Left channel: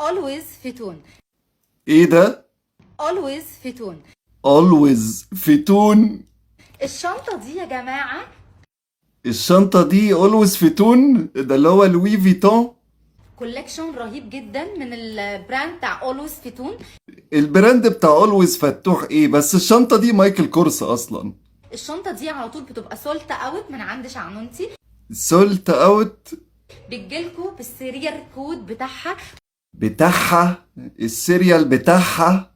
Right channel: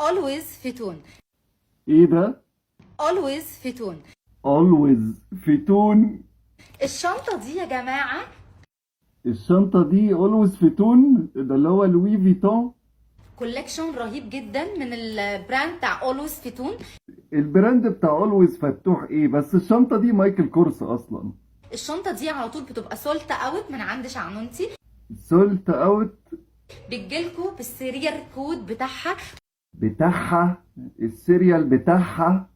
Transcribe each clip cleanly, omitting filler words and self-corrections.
always فيتون. ايه ده؟ always فيتون. always فيتون. الشنطة دي يا جماعة الشنطة دي always فيتون، ده اللي هو لوي فيتون. كولكشن رهيب جدا من البراند بتاع always فيتون. البراند بتاع always فتوح ايه؟ بس الشنطة دي مايكل كورس اصلا. الشنطة دي على طول بتبقى سولت اوت من عند شعنونتي. سولت اوت. بتجيلكوا بالسيريال كود بتاعها السيريال بتاعها.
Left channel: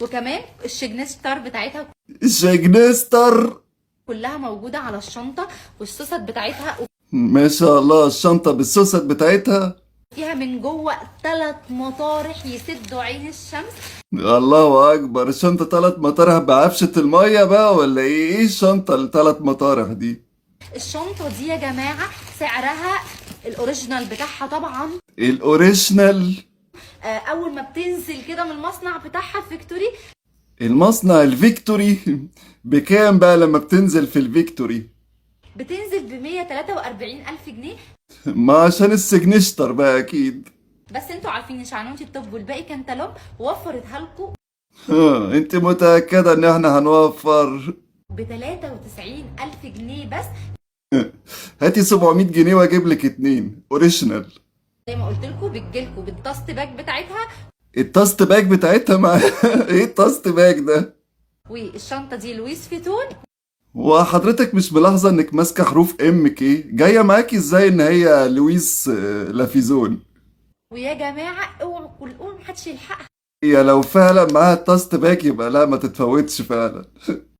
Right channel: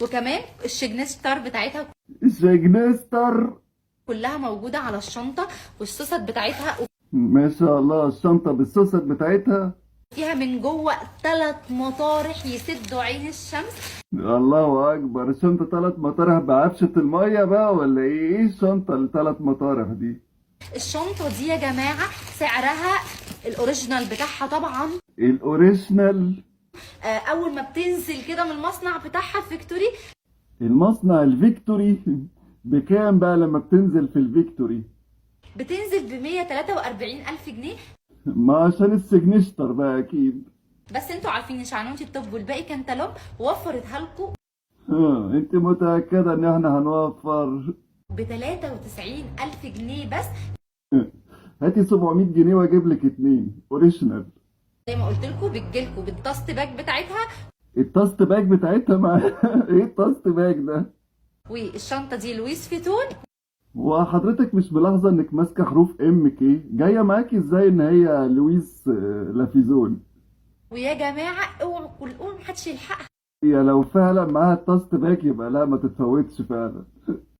وكمان الشجنستر بتاعتها شاجنستر. كلها موجودة على الشنطة، والسوست بتاعتها ما شاء الله، الشنطة بالسوست بتاعتها. فيها من جوه 3 مطارح يسدوا عين الشمس. الله اكبر، الشنطة 3 مطارح بعفشة المية بقى ولا ايه؟ ايه الشنطة ال3 مطارح دي؟ الشنطة دي يا جماعة سعرها الأوريجينال بتاعها طبعا. الاوريجينال. أول ما بتنزل كده من المصنع بتاعها فيكتوري المصنع الفيكتوري بكام بقى لما بتنزل في الفيكتوري؟ بتنزل ب143 ألف جنيه. ما عشان السجنشتر بقى اكيد. بس انتوا عارفين شعنونتي الطب والباقي كانتالوب وفرتها لكم ها، انت متأكدة ان احنا هنوفر؟ ب93 ألف جنيه بس. هاتي 700 جنيه واجيب لك 2 اوريجينال. زي ما قلت لكم بتجيلكوا بالداست باج بتاعتها. التاست باج بتاعتها مع ايه التاست باج ده؟ والشنطة دي لويس فيتون. وحضرتك مش ملاحظة انك ماسكة حروف ام كي جاية معاكي ازاي ان هي لويس لافيزون؟ ويا جماعة اوعوا محدش يلحقها. هي لو فعلا معاها التاست باج يبقى لا، ما تتفوتش فعلا.